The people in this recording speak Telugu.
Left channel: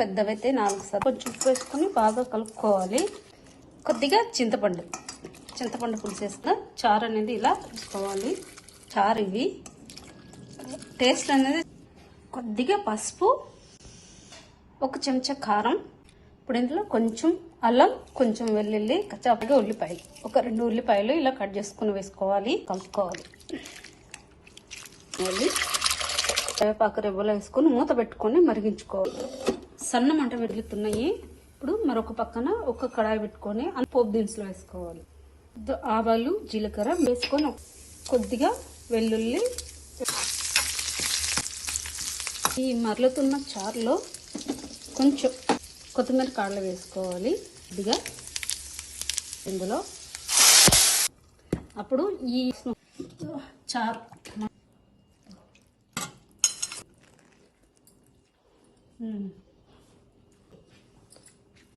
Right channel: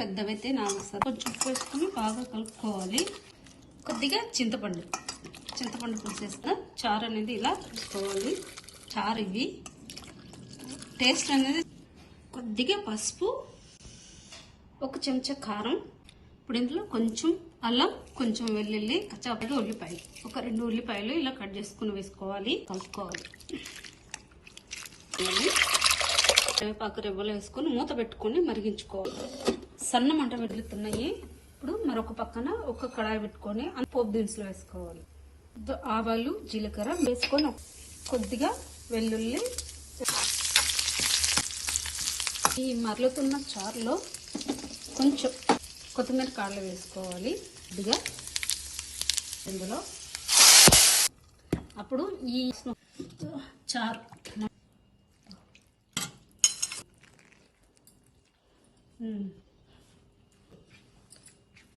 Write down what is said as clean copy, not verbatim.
పెద్దవైతే 4 సార్లు కొంచెం ఉప్పు వేసుకొని బాగా కలుపుకోవాలి. కొద్దిగా చింతపండు పులుసు వేసుకున్న చారు అనేది ఇలా తీసుకోవాలి. చారు ఇవి టేస్ట్ అనేది కొద్దిగా పసుపు, 1 చెంచా కారం. ఇప్పుడు ఇందులో కొంచెం అల్లం, కొంచెం వెల్లుల్లి, కచ్చాపగా ఉల్లిపాయలు, 2 ఉల్లిపాయలు ఇలా కట్ చేసుకుని వేసుకోవాలి. కలుపుకోవాలి. కరివేపాకు రెబ్బలు వేసుకొని మూత పెట్టుకొని మరిగించుకోవాలి. సన్న మంట వెలుగుతున్నాయి. ఇప్పుడు మరొక పక్కన ఒక కడాయి పెట్టుకొని పోపు దినుసులు వేసుకోవాలి. ఆవాలు, జీలకర్ర వేసుకొని కొద్దిగా వెల్లుల్లి. ఈ మరలుతున్న చారులో కొంచెం కొత్తిమీర కాడలు వేసుకోవాలి కొద్దిగా ఇందులో. అప్పుడు ఈ చారు